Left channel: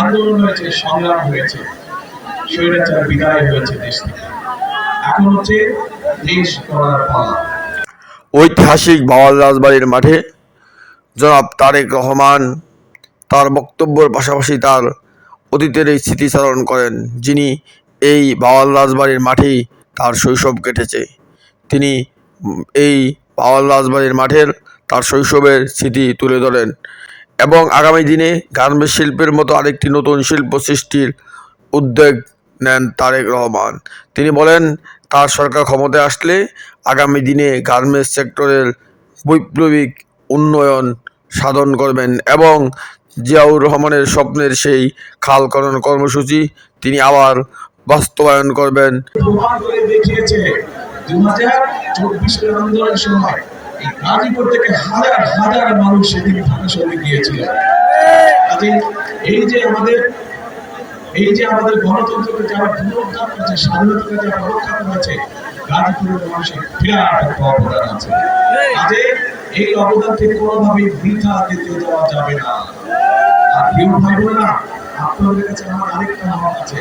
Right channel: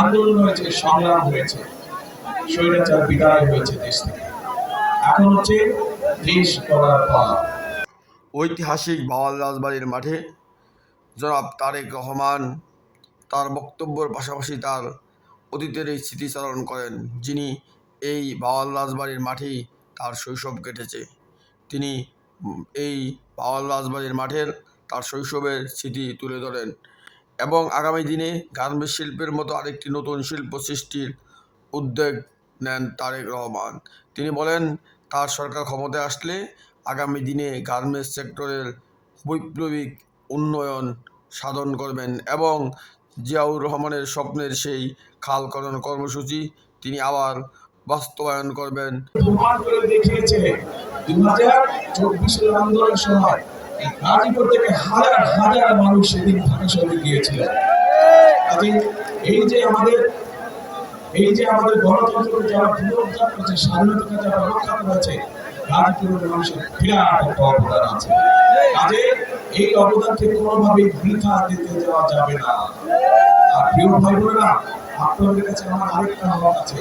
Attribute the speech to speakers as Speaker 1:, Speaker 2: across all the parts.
Speaker 1: আন্দোলন হয়েছে, সংগ্রাম হয়েছে, স্বৈরাচার বিদায় হয়েছে দেশ থেকে। এখন হচ্ছে দেশ করার পালা।
Speaker 2: ঐতিহাসিক বাওয়াল রাজবাড়ির মাঠে জনাব তারেক রহমান তার বক্তব্যের পাশাপাশি তার অতীতের এই স্মৃতিচারণ করেন, যিনি এই বাওয়াল রাজবাড়ির মাঠেই তার শৈশব কেটেছে। তিনি এই বাওয়াল রাজবাড়ির মাঠের তার শৈশবের স্মৃতি তুলে ধরেন। এবং আগামী দিনে গার্মেন্টস শিল্পের মতো আরেকটি নতুন শিল্প সৃষ্টির উদ্যোগ নেন তারেক রহমান। তিনি বলেন, তার সরকার ক্ষমতায় আসলে আগামী দিনে গার্মেন্টস সেক্টরের বৈপ্লবিক উন্নয়ন সাধন করবেন এবং জিয়াউর রহমানের স্বপ্নের সেই খালকরণ কর্মসূচি তিনি আবার বাস্তবায়ন করবেন।
Speaker 1: দেখিয়েছে দু হাজার চব্বিশের আন্দোলনের সময় গাজীপুর থেকে হাজার হাজার মানুষ সেদিন ঢাকা শহরে গিয়েছিল। কাজে এই যে আমাদের, এই যে আমাদের গণতন্ত্রকে যারা পুনরুদ্ধার করেছে, স্বাধীনতাকে যারা রক্ষা করেছে গাজীপুরের মানুষের বিরাট একটা অবদান আছে। কাজে এই অবদানকে কোনোভাবেই বৃথা দিতে দেওয়া যাবে না। আর প্রিয় ভাই বোনেরা আপনাদের কাছে আমার আরেকটা হক আছে।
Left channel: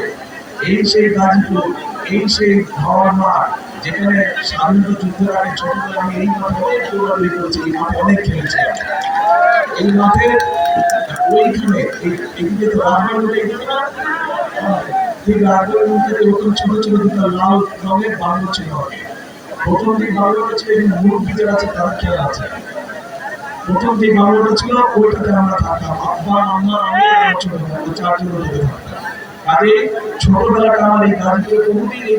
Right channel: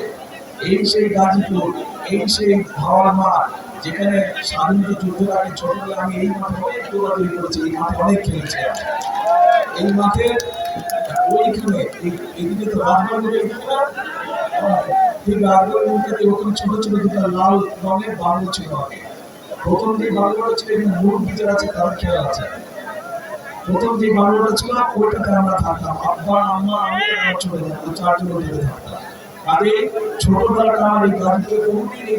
Speaker 1: এই সেই গাজীপুর এই সেই হাওয়ার মাঠ যেখানে স্বাধীনতা যুদ্ধের আগে ছোটবেলায় আমি এই মাঠে অনেক দৌড়াদৌড়ি করেছি, এই মাঠে অনেক খেলেছি এই মাঠে ওইখানে এদিকে তো রাজবাড়ি না? রাজবাড়ির মধ্যে ছোট ছোট লাল রঙের বাংলো ছিল। আগে প্রথম যে বাংলোটা ছিল, এখানে যারা আছে, তারা খেলা আছে। প্রথম যে বাংলোটা ছিল, ওইটাতে আমরা থাকতাম। আব্বা, আম্মা, আমি আমার ছোট চারজন থাকতাম কাজে ছোটবেলাটা আমার এই কোনদিন এই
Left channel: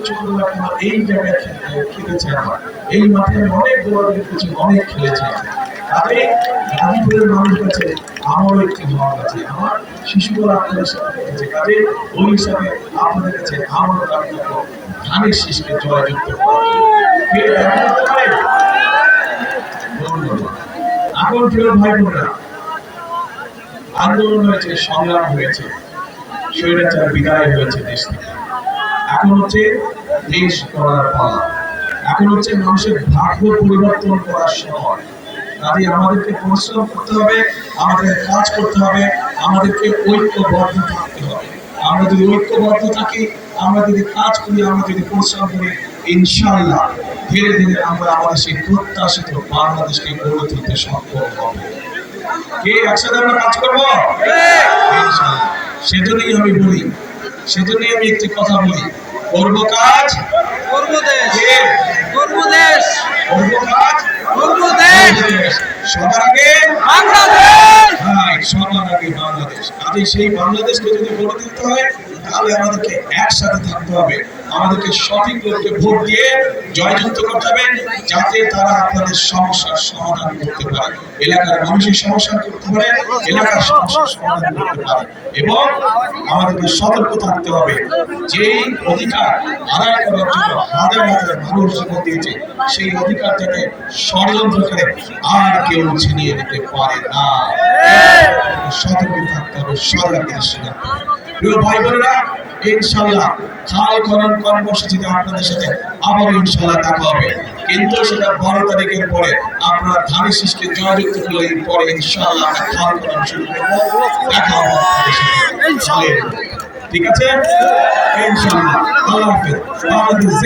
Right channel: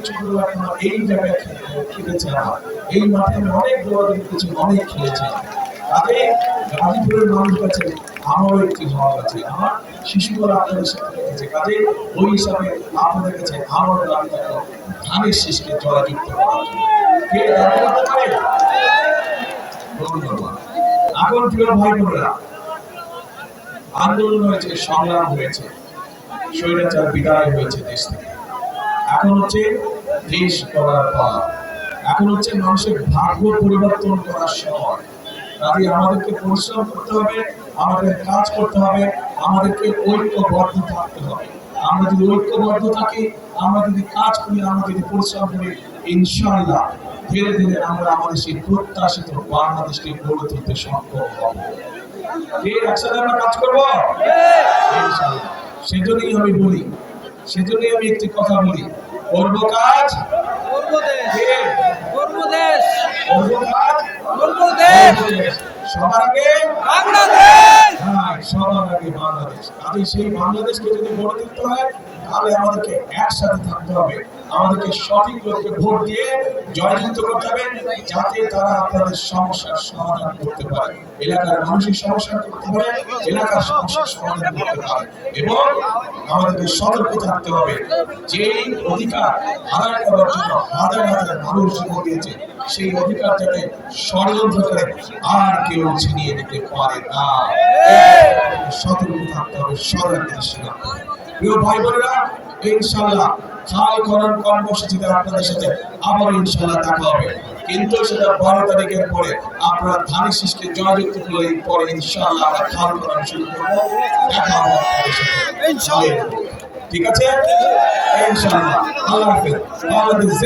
Speaker 1: আমার এই জায়গায় খেলেছে আমার। এই মাঠে আমি অনেক দৌড়াদৌড়ি করেছি, অনেক খেলেছি। গাজীপুরের মানুষ আমারও একটি আছে। আমার শিশুবেলা আপনাদের সাথে কেটেছে কাজে ওই হিসাবে আপনাদের কাছে আমার ধানের শীষকে জয়যুক্ত এখন ভাই আন্দোলন হয়েছে, সংগ্রাম হয়েছে। স্বৈরাচার বিদায় হয়েছে দেশ থেকে। এখন হচ্ছে দেশ করার পালা। এখন হচ্ছে মানুষের ভাগ্য পরিবর্তন করার সময়। কাজে আমাদেরকে পরিশ্রম করতে হবে, আমাদের কাজ করতে হবে, আমাদেরকে ঐক্যবদ্ধ থাকতে হবে। আমরা যদি ঐক্যবদ্ধ থাকি, আমরা যদি কাজ করি, আমরা যদি পরিশ্রম করি ইনশাল্লাহ ধীরে ধীরে আমরা আমাদের সেই প্রত্যাশিত বাংলাদেশকে গড়ে তুলতে সক্ষম হব। কে একসাথে আমরা কাজ করব? ইনশাআল্লাহ। সেজন্যই আমি বলি সেজন্যই আমি একটি কথা বলি। করব কাজ?
Speaker 3: করব দেশ? করব দেশ।
Speaker 1: করব কাজ?
Speaker 3: করব দেশ।
Speaker 1: সবার আগে
Speaker 3: বাংলাদেশ।
Speaker 1: হ্যাঁ, সবার আগে বাংলাদেশ। কাজে সেই বাংলাদেশকে যদি গড়ে তুলতে হয় তাহলে আমাদেরকে একসাথে থাকতে হবে। আমাদেরকে সঠিক লোককে ভোট দিয়ে জয়যুক্ত করতে হবে যাতে তারা আপনাদের সমস্যার সমাধান করতে পারে। এলাকার মানুষের সমস্যা করতে পারে, এলাকার সমস্যার সমাধান করতে পারে। এবং আমাদেরকে সতর্ক থাকতে হবে। যেই অধিকার আদায় করার জন্য হাজার হাজার মানুষ জীবন দিয়েছে, সেই অধিকার যাতে ষড়যন্ত্র করে আর কেউ ছিনিয়ে নিতে পারে না। সতর্ক থাকতে হবে রাখতে হবে। প্রিয় ভাই বোনেরা ইনশাল্লাহ খাল খনন কর্মসূচিতে আপনাদের সাথে আবার ইনশাল্লাহ দেখা হবে। কিন্তু সেটা বারো তারিখের পরে আপনারা ধান শিষকে জয়যুক্ত করলে পরে ইনশাল্লাহ আমরা খাল খনন শুরু করব। দেখা হবে ঠিক আছে? ইনশাল্লাহ আল্লাহ হাফেজ।